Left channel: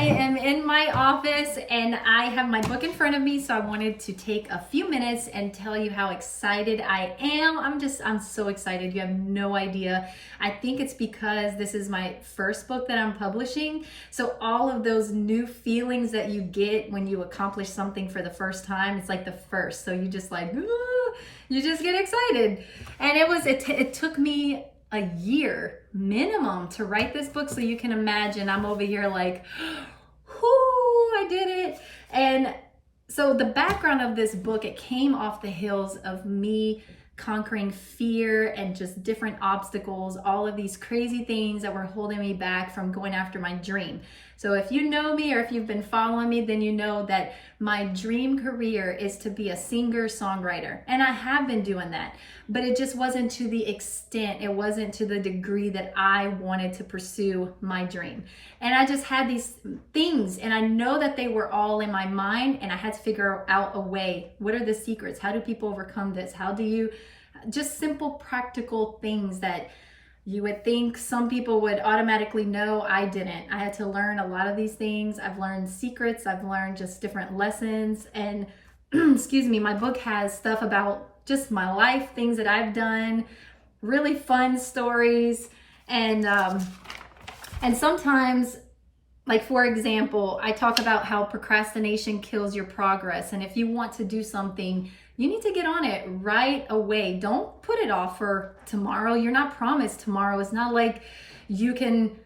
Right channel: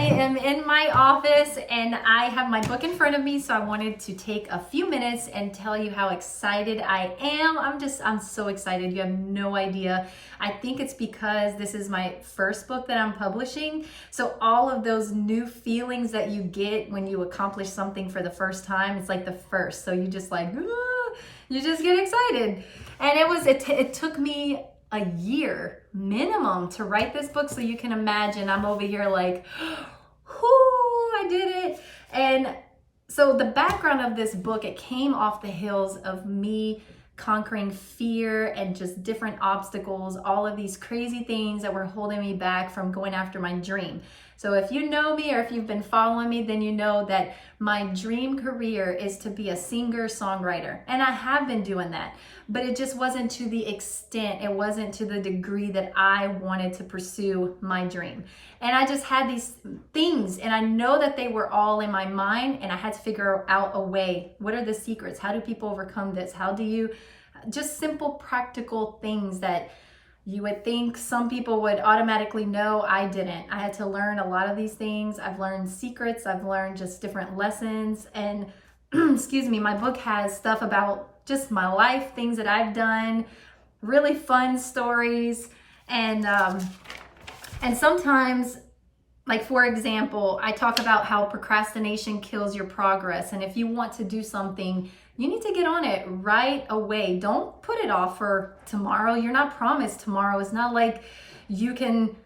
am in my office and I have my book in front of me, so I wanted to take a few minutes and tell you how excited I am. I'm so excited. You have no idea. I think it's because this is my first book that I'm publishing. So all of those new feelings that you get when you accomplish something for the first time, it's like the first. So you just like, you just get excited. And it took me a year minimum to write this book, so you can imagine I'm over here like, whoo, I did it. And so the background of this book, it came off the heels of me conquering fear and just different obstacles, all of these crazy things that were holding me back from going after my dream. So if you know me or if you've been following me, then you know that my dream career is to be a singer-songwriter. And I have been doing that, but it just wasn't to the extent, it wasn't to the degree that I wanted to pursue my dream. And I just had these things, and I know that they were all in my mind, and I had to figure out a way. What are the secrets? How do people overcome this? How do you, just simple practical things that you would think some people would automatically know. I didn't. I had to learn a lot of these things. I've learned secrets. I've learned just different lessons. And excuse me, my book has stuff about just my life, things that I've done, really fun stories. And sometimes, like for example, I talk about how procrastination kills your progress. And if you want to do something, you need to get on it right away. Don't put it off for tomorrow. You're not promised tomorrow. It's not like you can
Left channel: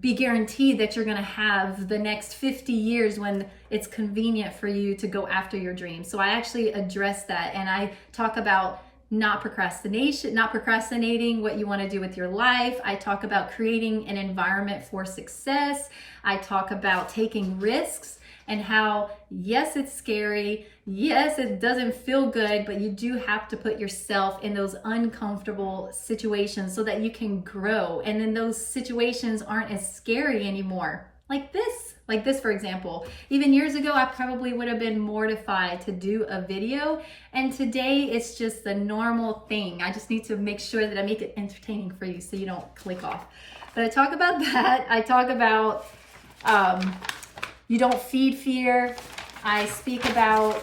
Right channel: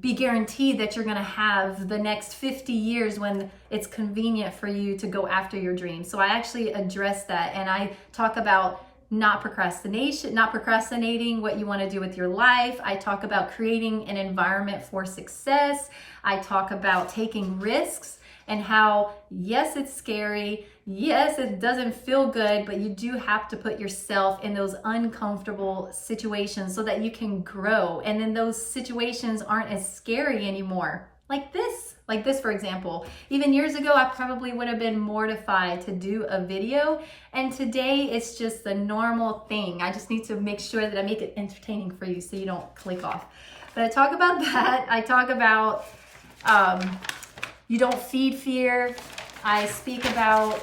be guaranteed that you're going to have the next 50 years when it's convenient for you to go after your dreams. So I actually address that, and I talk about not procrastinating what you want to do with your life. I talk about creating an environment for success. I talk about taking risks and how, yes, it's scary. Yes, it doesn't feel good, but you do have to put yourself in those uncomfortable situations so that you can grow. And then those situations aren't as scary anymore. Like this, for example. Even years ago, I probably would have been mortified to do a video. And today it's just the normal thing. I just need to make sure that I make it entertaining for you so you don't click off. But I talk about that. I talk about you don't feed fear. I speak about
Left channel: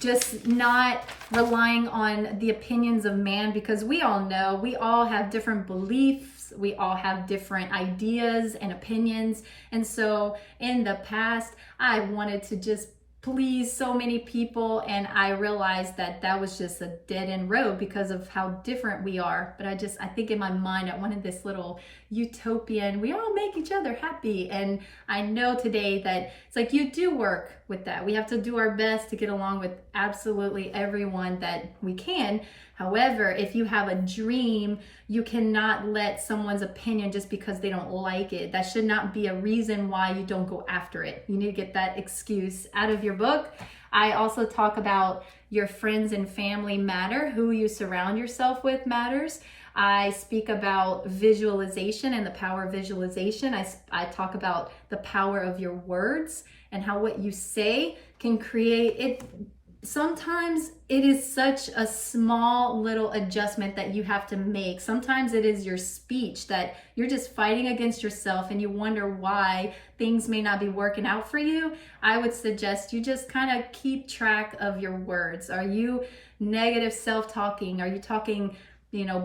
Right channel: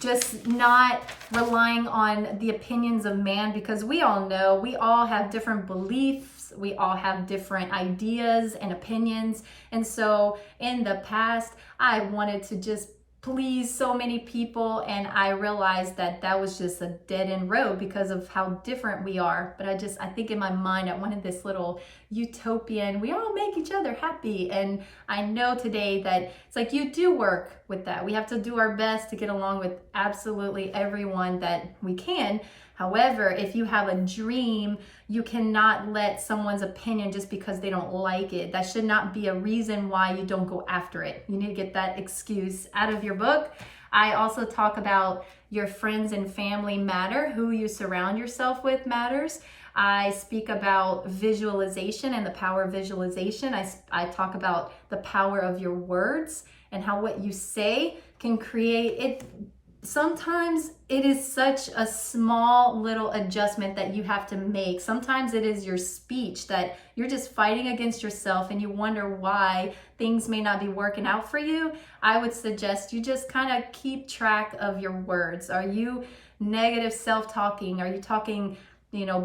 just not relying on the opinions of man, because we all know we all have different beliefs. We all have different ideas and opinions. And so in the past, I wanted to just please so many people, and I realized that that was just a dead-end road because of how different we are. But I think in my mind, I wanted this little utopian, we all make each other happy. And I know today that it's like you do work with that. We have to do our best to get along with absolutely everyone that we can. However, if you have a dream, you cannot let someone's opinion just because they don't like it. That should not be a reason why you don't go after it. You need to get that excuse out of your book. I also talk about your friends and family matter. Who you surround yourself with matters. I speak about visualization and the power of visualization. I talk about the power of your words and how what you say can create it. Sometimes it is such a small little adjustment that you have to make. Sometimes it is your speech that you're just fighting against yourself and you wonder why things may not be working out for you. I would suggest you just kind of keep track of your words. Are you negative self-talking? Are you talking,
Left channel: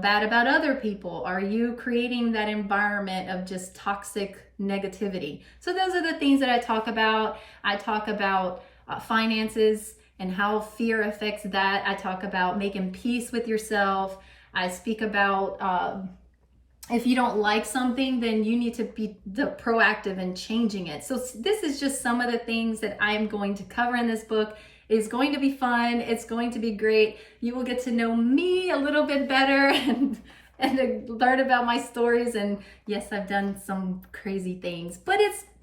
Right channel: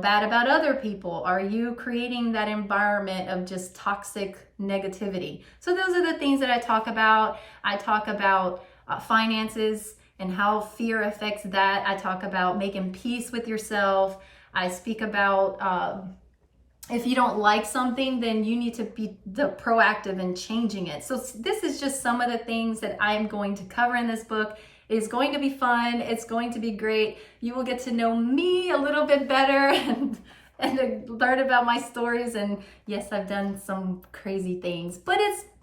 bad about other people? Are you creating that environment of just toxic negativity? So those are the things that I talk about. I talk about finances and how fear affects that. I talk about making peace with yourself. I speak about if you don't like something, then you need to be proactive in changing it. So this is just some of the things that I am going to cover in this book. It is going to be fun. It's going to be great. You will get to know me a little bit better and learn about my stories. And yes, I've done some crazy things, but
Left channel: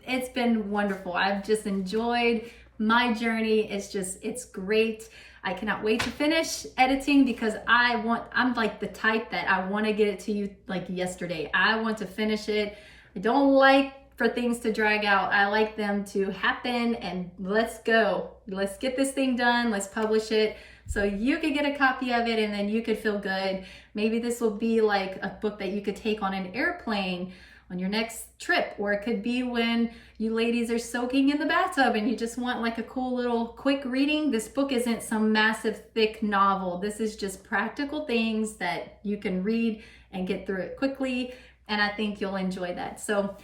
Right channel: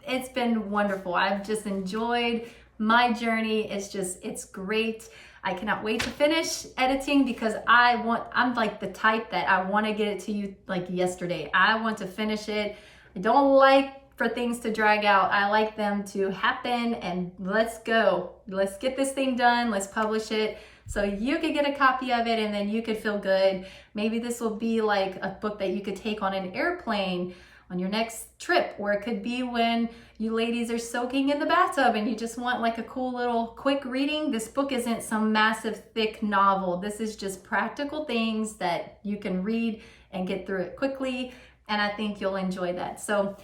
it's been wonderful. I've just enjoyed my journey. It's great. I cannot wait to finish editing because I'm like the type that I want to get it to you like yesterday. I want to finish it. I don't like for things to drag out. I like them to happen, and let's go. Let's get this thing done. Let's publish it so you could get a copy of it and then you could feel good. Maybe this will be like a book that you could take on an airplane on your next trip, or it could be when you ladies are soaking in the bathtub and you just want like a cool little quick reading. This book isn't some massive thick novel. This is just practical things that you can read and get through it quickly, and I think you'll enjoy that. So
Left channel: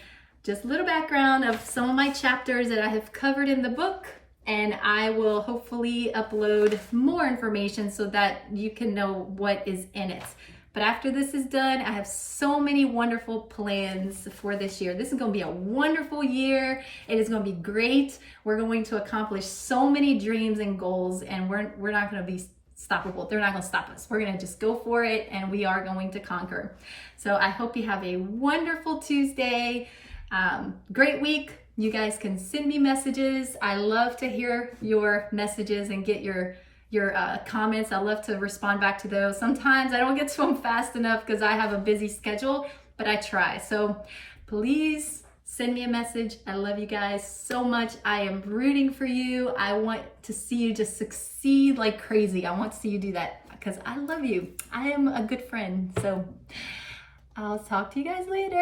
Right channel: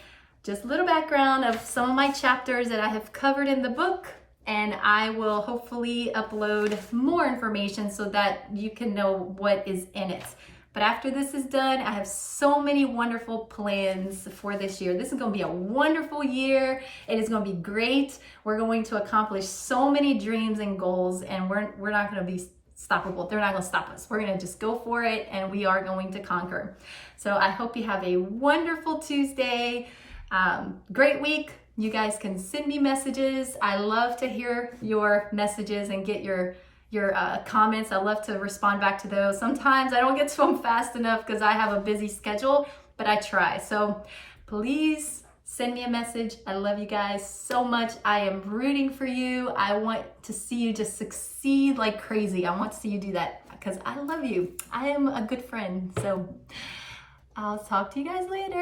just a little background of some of my chapters that I have covered in the book, and I will hopefully upload more information so that you can know what is in it. But after this is done, I have so many wonderful plans for this year. This is going to be a wonderful year. It is going to be great. We're going to accomplish so many dreams and goals, and we're not going to be stoppable. They're not going to stop us. We're going to just go for it, and we are going to conquer. So I hope you have a wonderful Tuesday. Great week. You guys can send me messages. I love to hear your messages and get your comments. I love to respond back to those. Sometimes I don't get to them fast enough because I have a busy schedule, but I try. So please send me a message. I love you guys so much. I am rooting for you. I want to see you just succeed like crazy. I want to see you do that because I love you. I am a good friend. So I'll talk to you guys later.